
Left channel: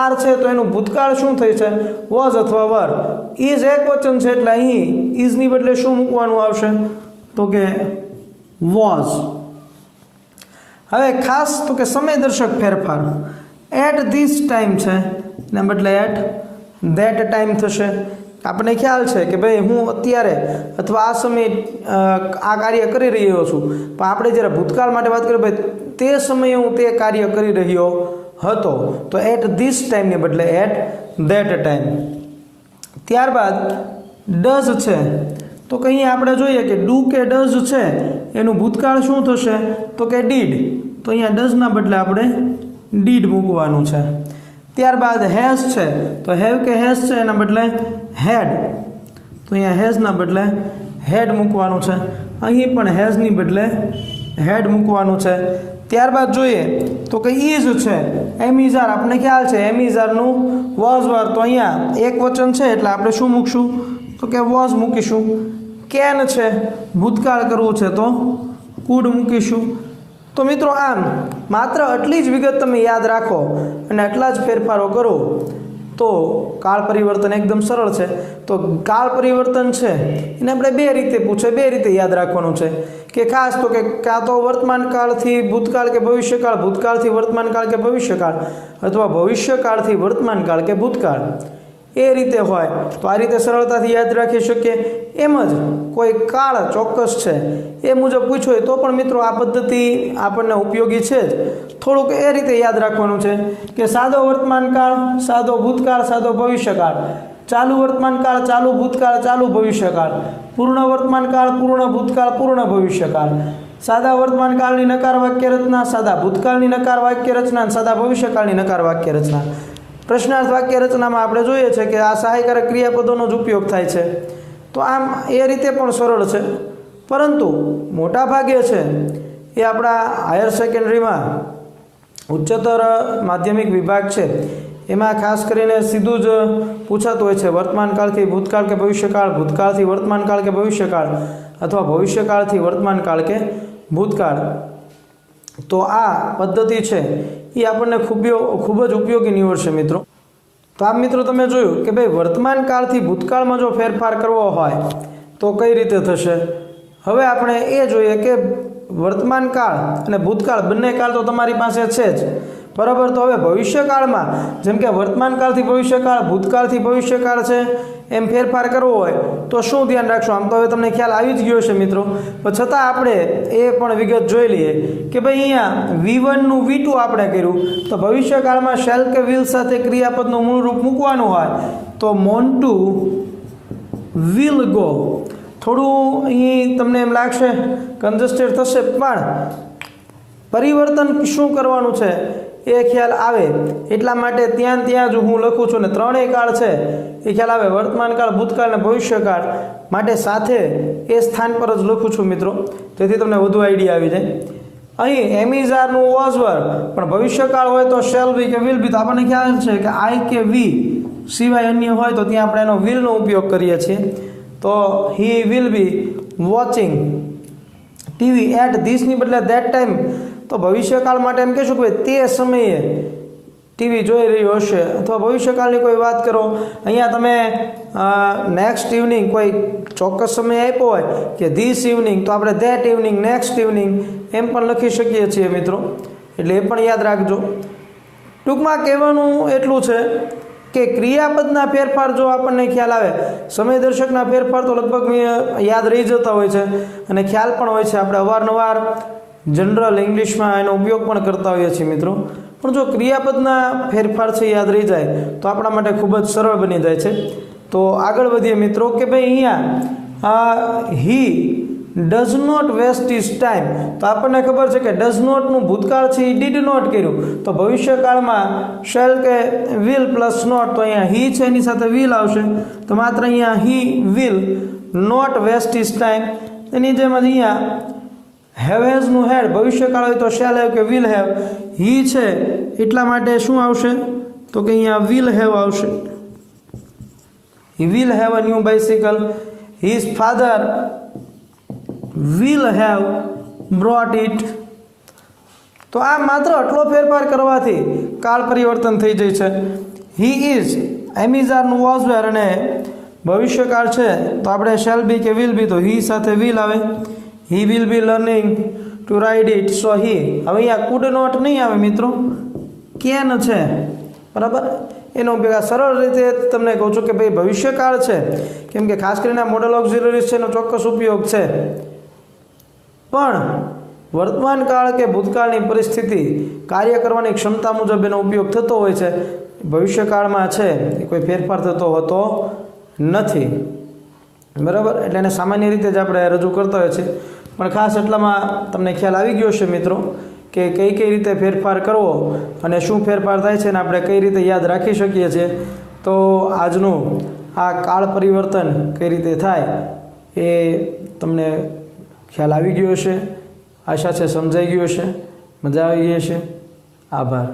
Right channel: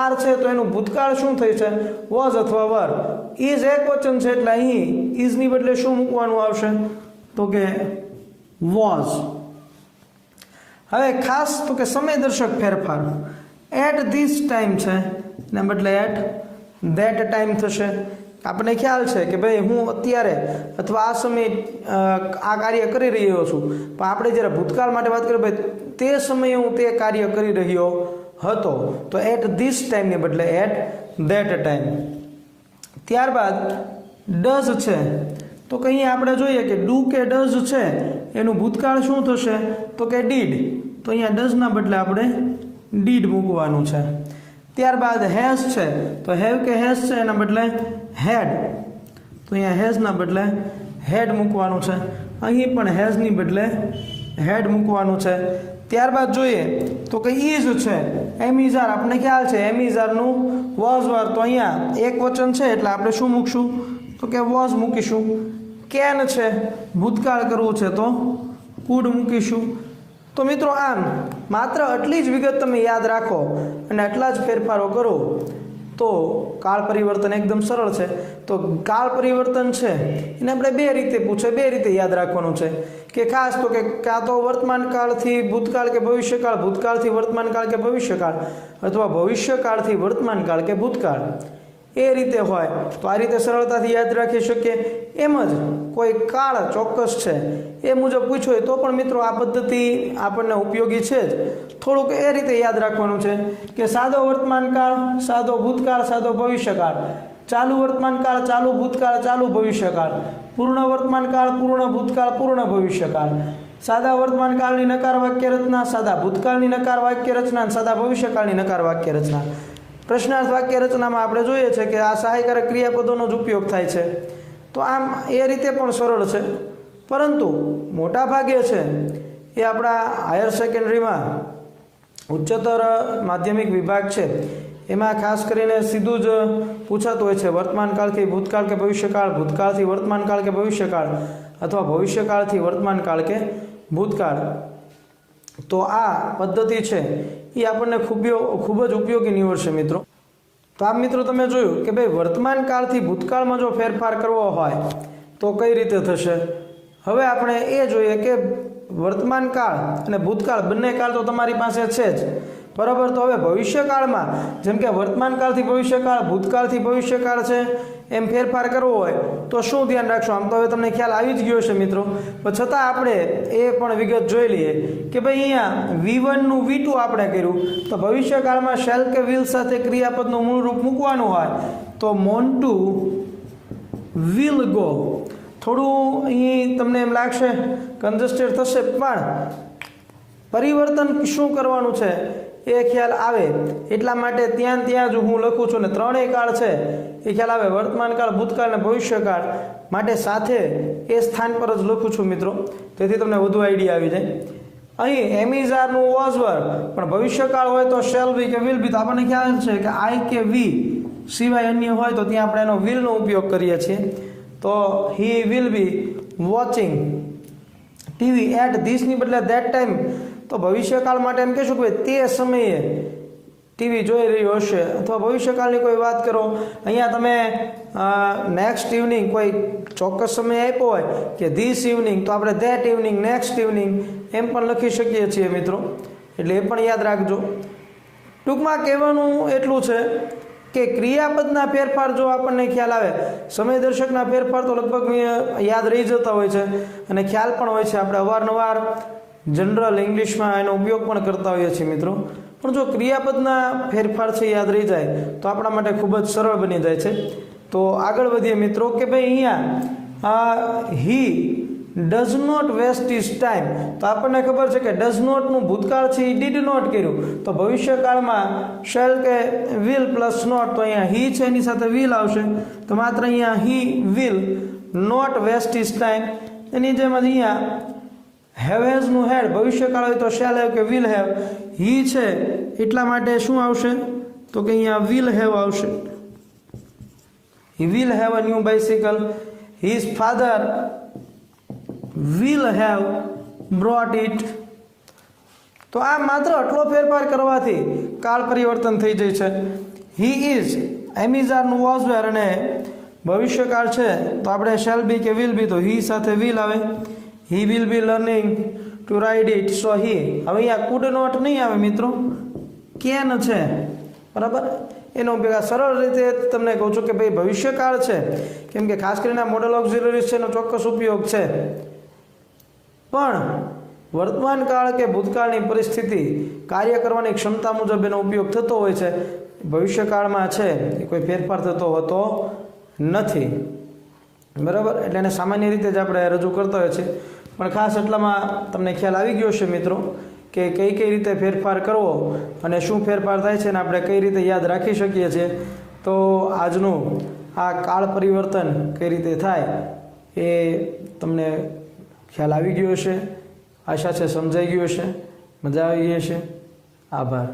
આર છે, તો એનું ભૂતકાળ શું થઈ છે? વોઝ અથવા વર. ઇઝ એક વચન છે એટલે અહીં ઇઝની બદલે શું મૂકવાનું આવશે? તો કે વોઝ. હવે ખાસ તો કે સમયદર્શક ફેરફાર એટ ધીસ ટાઈમ છે ને બદલે એટ ધેટ ટાઈમ થશે. આપણને ખ્યાલ છે કે ભાઈ હું અત્યારે અથવા આ સમયે આ કાર્ય કરી રહ્યો છું, પણ આપણે જ્યારે ભૂતકાળ માટે વાત કરીએ ભાઈ તે સમયે હું તે કાર્ય કરી રહ્યો હતો, તો એટ ધીસ ટાઈમને બદલે એટ ધેટ ટાઈમ. ત્યારબાદ ડઝ છે, તો કે અહીંયા આપણે જોઈએ કે ડુ કે ડઝ છે એનું ભૂતકાળ શું થશે? તો કે ડીડ. તો અહીંયા ડઝના બદલે આપણે ડીડ મૂકવાનું છે. ત્યારબાદ હેઝ છે, તો હેવ કે હેઝ છે એના બદલે હેડ, તો અહીંયા હેઝના બદલે હેડ મૂકવાનું છે. અહીં પણ હેઝની બદલે હેડ મૂકવાનું છે. ત્યારબાદ જોઈએ તો કે ઇઝ છે, એમિઝાર, આપણને ખ્યાલ છે એમિઝારનું વોઝ વર, તો અહીંયા એક વચન છે એટલે આપણે શું મૂકશું? તો કે વોઝ મૂકીશું. કેન છે, ભૂતકાળ કરવું છે તો કુડ મૂકીશું. તો મિત્રો આમ માત્ર આટલી જ વિગત તમે યાદ રાખો અને આટલા જ ફેરફારો કરો તો કાળ પરિવર્તન એકદમ સરળ છે. તો કાળ પરિવર્તન છે એને આપણે બે રીતે પૂછે, બે રીતે યાદ રાખવાનું છે કે ખાસ તો કે કાં તો વર્તમાન કાળથી ભૂતકાળ કે ભવિષ્યકાળ, ભૂતકાળથી વર્તમાન કાળ કે ભવિષ્યકાળ, અથવા ભવિષ્યકાળથી વર્તમાન કાળ કે ભૂતકાળ, એ રીતે હોય તો આ રીતે સરળતાથી યાદ રાખી શકીએ. એમ જ કોઈ કાળ ચોક્કસ છે એ મુજબ પૂછ્યો હોય તો પણ મિત્રો આ પદ્ધતિ આપણને ઉપયોગી છે જ. થોડુંક એ રીતે યાદ રાખવાનું છે કે સાદો વર્તમાન કાળ, સાદો ભૂતકાળ, સાદો ભવિષ્યકાળ, ચાલુ વર્તમાન કાળ, ચાલુ ભૂતકાળ, ચાલુ ભવિષ્યકાળ, પૂર્ણ વર્તમાન કાળ, પૂર્ણ ભૂતકાળ, પૂર્ણ ભવિષ્યકાળ, સાદા વર્તમાન કાળની નકાર વાક્ય રચના, સાદા ભૂતકાળની નકાર વાક્ય રચના, સાદા ભવિષ્યકાળની નકાર વાક્ય રચના. પ્રશ્નાર્થ વાક્ય રચનામાં આપણે જોઈએ છે કે આ સહાયકારક ક્રિયાપદોનો જ ઉપયોગ થાય છે. તો આમ એ રીતે પણ સરળ છે, પરંતુ મોટા ભાગે છે એ આપણા હાયર સેકન્ડરીમાં ઉચ્ચતર માધ્યમિક વિભાગ છે એમાં ખાસ કરીને સીધું જ પૂછાતું હોય છે વર્તમાન કાળથી ભૂતકાળ કે ભવિષ્યકાળ, ભૂતકાળથી વર્તમાન કાળ કે ભવિષ્યકાળ, અથવા ભવિષ્યકાળથી વર્તમાન કાળ કે ભૂતકાળ. તો આ પદ્ધતિ છે એ આપણને ખૂબ જ ઉપયોગી નીવડશે મિત્રો. તો આમ મિત્રો તમે જોયું કે ભાઈ વર્તમાન કાળથી ભૂતકાળમાં જો ફેરફાર કરવો હોય તો કઈ રીતે થશે. હવે આપણે એ જોઈએ કે વર્તમાન કાળ અને ભૂતકાળ બંને કાળ તો તમારી પાસે છે જ બરાબર. તો હવે ભવિષ્યકાળમાં જેમ કે વર્તમાન કાળથી ભવિષ્યકાળ, ભૂતકાળથી ભવિષ્યકાળ છે, એમ ફેરફાર કરવો હોય તો શું ધ્યાન રાખશો? આમ તો હવે તમને ખ્યાલ આવી જ ગયો છે મિત્રો, પણ છતાં આપણે એ પણ વિગત જોઈ લઈએ કે ભાઈ અહીંયા V1 નું V2 આપણે કર્યું, તો ભવિષ્યકાળમાં શેલ કે વિલ સાથે ક્રિયાપદનું મૂળ રૂપ મૂકવાનું હોય તો મોન્ટુ વિલ ગો. થોડું અહીં તમને એમ લાગશે કન્જસ્ટેડ થશે, પણ પરિવર્તન શું કરવાનું છે એ ખ્યાલ આવે એટલા માટે ત્યાં જ હું લખું છું ને ત્રણેય કાળ છે એ ખ્યાલ આવે, વર્તમાન કાળ, ભૂતકાળ અને ભવિષ્યકાળ માટે સાથે એ સ્થાન પર જ લખું છું મિત્રો, જેથી તમને વધુ આઈડિયા આવી જાય. અહીં એમિઝારનું વોઝ વર, પણ ભવિષ્યકાળ હોય તો શેલ બી કે વિલ બી. તો આપણને ખ્યાલ છે કે આઈ કે વી સિવાય અન્ય હોય તો ત્યાં આપણે એનો વિલનો ઉપયોગ કરીએ છીએ. તો he will be watching TV at ધીસની બદલે ધેટ ટાઈમ. તો ભવિષ્યકાળ માટે એમ કહેશું કે તે સમયે ટીવી જોઈ રહ્યો હશે અથવા ભવિષ્યકાળની કોઈ વાત કરો, અહીંયા તમે નેક્સ્ટ ઇવનિંગ કોઈ ચોક્કસ સમય આપ્યો હોય કે ધીસ ઇવનિંગ, તો આપણે ધેટ ઇવનિંગ, નેક્સ્ટ ઇવનિંગ એમ પણ લખી શકીએ છીએ મિત્રો, એટલે એ પણ યાદ રાખજો. ટૂંકમાં કહેવાનું એટલું છે કે ક્રિયાપદના ફેરફાર જો આપણને ખ્યાલ આવે, સમય દર્શકના ફેરફાર તો લગભગ યાદ રહી જતા હોય છે અને ખ્યાલ પણ હોય છે, આપણે અવારનવાર જનરલ ઇંગ્લિશમાં એનો ઉપયોગ પણ કરતા હોઈએ છીએ મિત્રો. પણ જો ક્રિયાપદના ફેરફાર છે યાદ રહી જાય તો આપણા માટે ખૂબ જ સરળ બની જાય છે. તો આગળ વધીએ મિત્રો કે ભાઈ અહીંયા he does not waste his time, તો આપણને ખબર છે કે ડઝ નોટનું ભૂતકાળ છે એ ડીડ નોટ કર્યું, તો ભવિષ્યકાળમાં શેલ કે વિલ પ્લસ નોટ, તો અહીંયા હી છે એની સાથે વિલ આવશે, તો માત્ર અહીંયા he will not waste his time. એની જેમ જ અહીંયા હેવ હેઝનું હેડ ભવિષ્યકાળ હોય તો શેલ હેવ કે વિલ હેવ, હી છે એટલા માટે શું આવશે તો કે અહીંયા વિલ હેવ આવશે. He will have a new bicycle, his father will have brought it. તો આ માત્ર આટલો ફેરફાર કરવાથી કાળ પરિવર્તન થઈ જાય છે. he is એમિઝારનું વોઝ વેર અને ભવિષ્યકાળ છે તો આપણે શેલ બી કે વિલ બી, તો he સાથે will આવે. he will be learning to ride it, so he, હવે અહીંયા could not નહીં આવે મિત્રો, can છે બરાબર. એનો ભેગા સરળ રીતે તમને કહું છું કે ભાઈ ભવિષ્યકાળ છે, કેમ કે ખાસ કરીને મોડલ ઓક્ઝિલરીઝ છે એનો ચોક્કસ ઉપયોગ છે, પણ વર્તમાન કાળ કે ભૂતકાળની પરિસ્થિતિ કાર્ય કરવાની ક્ષમતા મુજબ એનો ઉપયોગ થતો હોય છે. ભવિષ્યકાળમાં છે એ કોઈ ફેરફાર થતો હોતો નથી બરાબર, એટલે એને સામાન્ય રીતે જ આપણે રજૂ કરતા હોય છે. પણ ખાસ એટલામાં તમને ખ્યાલ આવી ગયો છે મિત્રો કે કઈ કઈ રીતે ફેરફાર કરવો અને શું ફેરફાર થાય છે અને આપણે કઈ રીતે યાદ રાખી શકીએ છીએ. તો આજનું આ કાળ પરિવર્તન કઈ રીતે થાય એ તમને ખ્યાલ આવી ગયો હશે, આશા છે સમજાઈ ગયો હશે, મજા આવી ગઈ હશે. આભાર.